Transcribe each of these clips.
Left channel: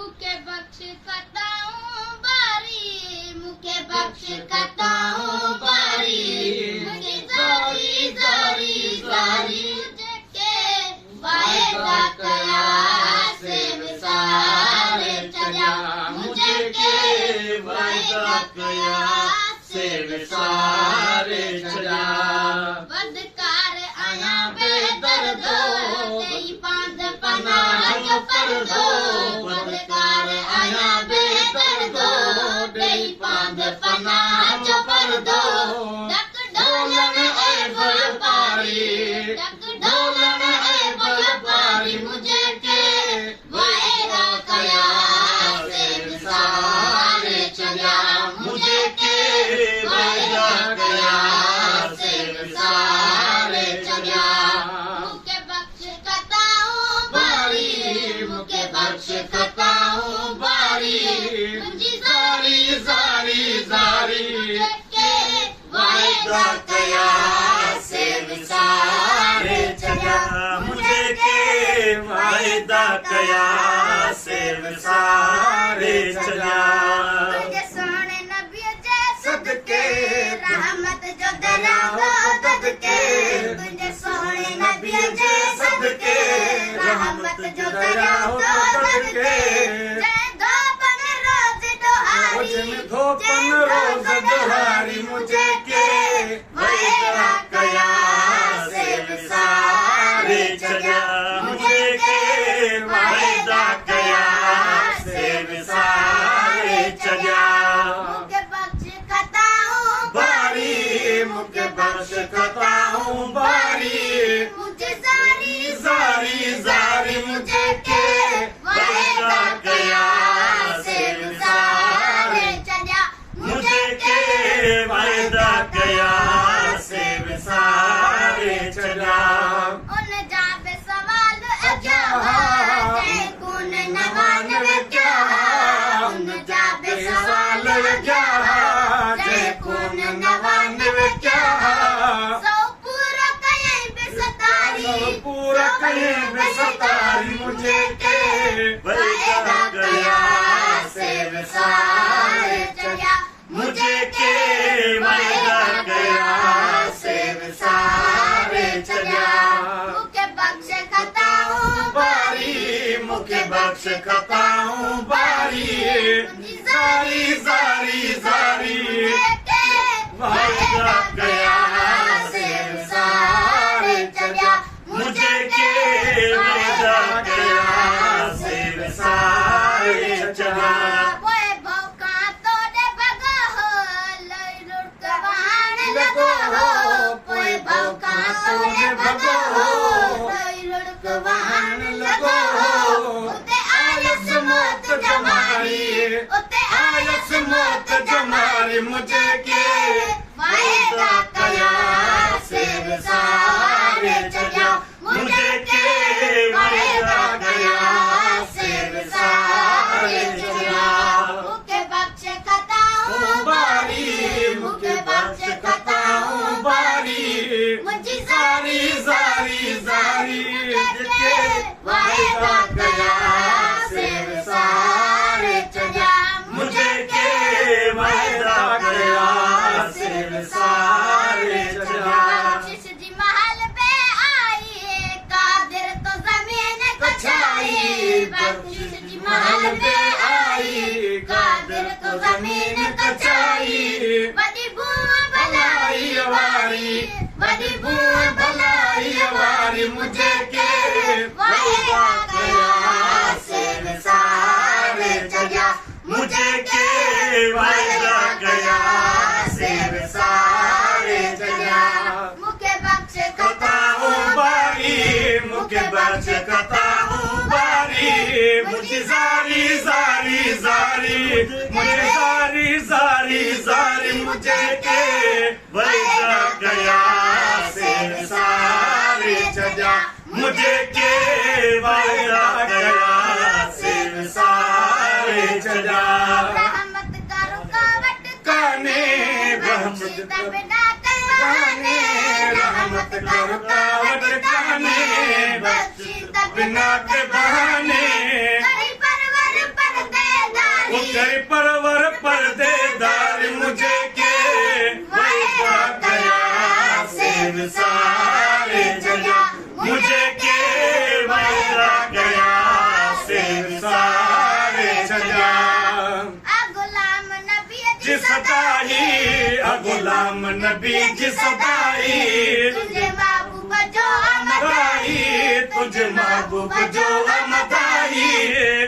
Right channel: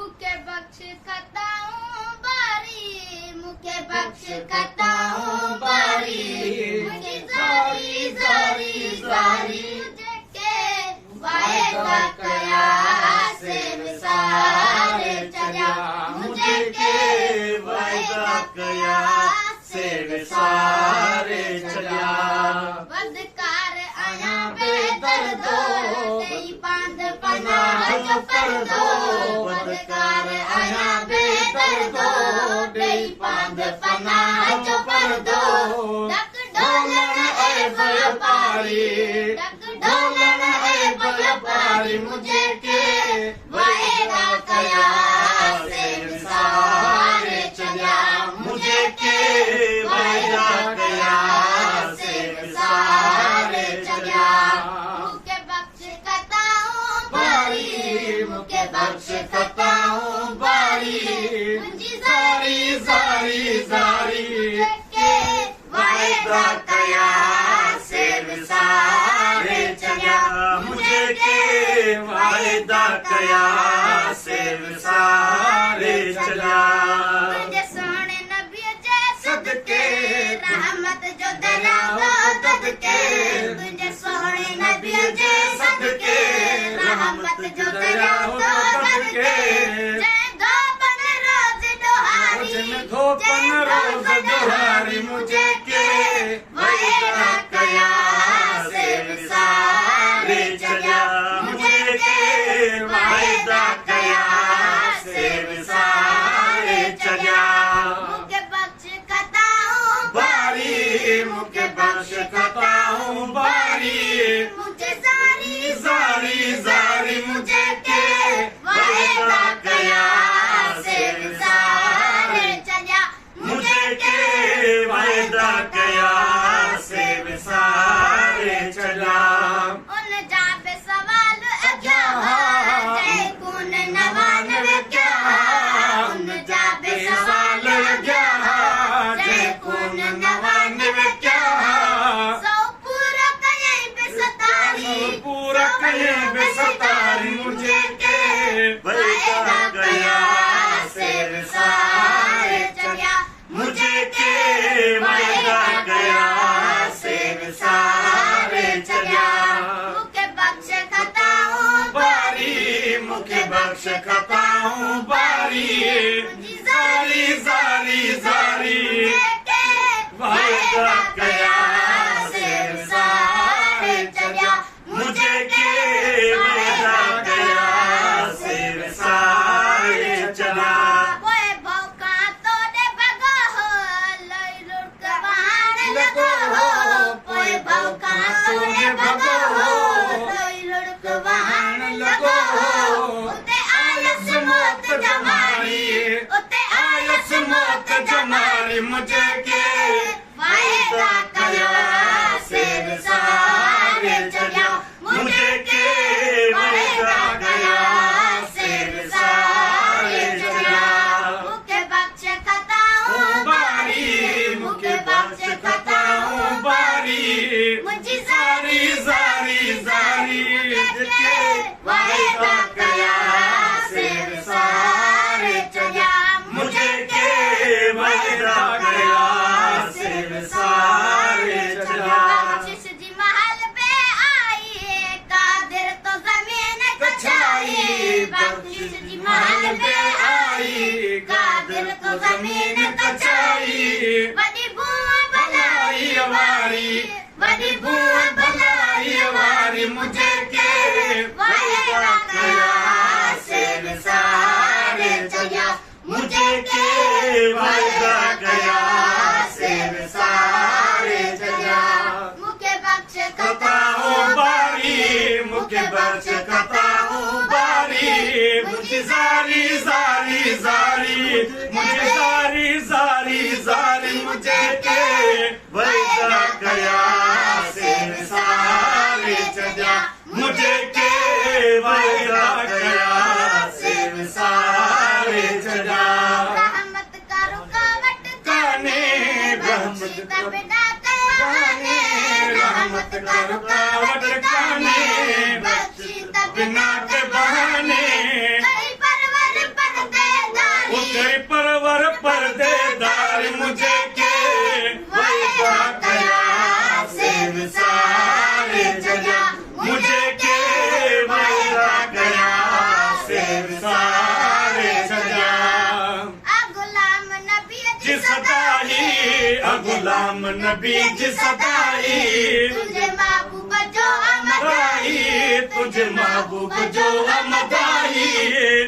मुके बख्श खताऊं बारी, मुके बख्श खताऊं बारी, मुझे जारी जारी जारी मुझे के वायदा कया से विसारे चला, मुझे के वायदा कया से विसारे चला। बदकार आया बेदर्दो तेरी बांध पना जो कर दो, बदकार आया बेदर्दो तेरी बांध पना जो कर दो। डक ढोलन ए व्यापारी, डक ढोलन ए व्यापारी मुझे के वायदा कया से विसारे चला, मुझे के वायदा कया से विसारे चला। मुके बख्श खताऊं बारी, मुके बख्श खताऊं बारी, मुझे जारी जारी जारी के वायदा कया से विसारे चला, मुझे के वायदा कया से विसारे चला। मुझे सोने नबी जे सदके रहमत जो दलावा ददके, मुझे सोने नबी जे सदके रहमत जो दलावा ददके। जय धोपन रोज दोहारी, जय धोपन रोज दोहारी मुझे के वायदा कया से विसारे चला, मुझे के वायदा कया से विसारे चला। मुके बख्श खताऊं बारी, मुके बख्श खताऊं बारी, मुझे जारी जारी जारी मुझे के वायदा कया से विसारे चला, मुझे के वायदा कया से विसारे चला। उन जाबे सवाल क्या जय कुन नवानवे क्या, उन जाबे सवाल क्या जय कुन नवानवे क्या। सौ पूरा कहीं बेसतारी, पूरा कहीं बेसतारी मुझे के वायदा कया से विसारे चला, मुझे के वायदा कया से विसारे चला। मुके बख्श खताऊं बारी, मुके बख्श खताऊं बारी, मुझे जारी जारी जारी मुझे के वायदा कया से विसारे चला, मुझे के वायदा कया से विसारे चला। ओए भौका तोड़े भगा हो लई लुट वाहन लगा हो, ओए भौका तोड़े भगा हो लई लुट वाहन लगा हो। उते आयस मौत जमारी, उते आयस मौत जमारी मुझे के वायदा कया से विसारे चला, मुझे के वायदा कया से विसारे चला। मुके बख्श खताऊं बारी, मुके बख्श खताऊं बारी, मुझे जारी जारी जारी मुझे के वायदा कया से विसारे चला, मुझे के वायदा कया से विसारे चला। बख्शिश जी महल पे आई कादिर तो जमीन कछाई, बख्शिश जी महल पे आई कादिर तो जमीन कछाई। बड़ी बुआ भलाई वारी, बड़ी बुआ भलाई वारी मुझे के वायदा कया से विसारे चला, मुझे के वायदा कया से विसारे चला। मुके बख्श खताऊं बारी, मुके बख्श खताऊं बारी, मुझे जारी जारी जारी मुझे जारी जारी जारी मुझे के वायदा कया से विसारे चला, मुझे के वायदा कया से विसारे चला। रहमत का रुकावट करने, रहमत का बिना कहने, रहमत का रुकावट करने, बख्शी तब बिना के बहाने। कहीं परवर पर तेरी परवर पर्देदार मुझे के वायदा कया से विसारे जया मुझे के वायदा कया से विसारे जया गुलाम नबी जी सदाई गुलाम नबी जी सदाई तुझे महबूब जो अमदाई तुझे महबूब जो अमदाई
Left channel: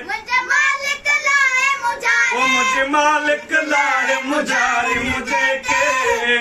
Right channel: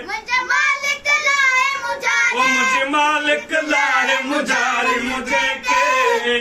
मुझे मालिक लाए मुझे मुझे मालिक लाए मुझे के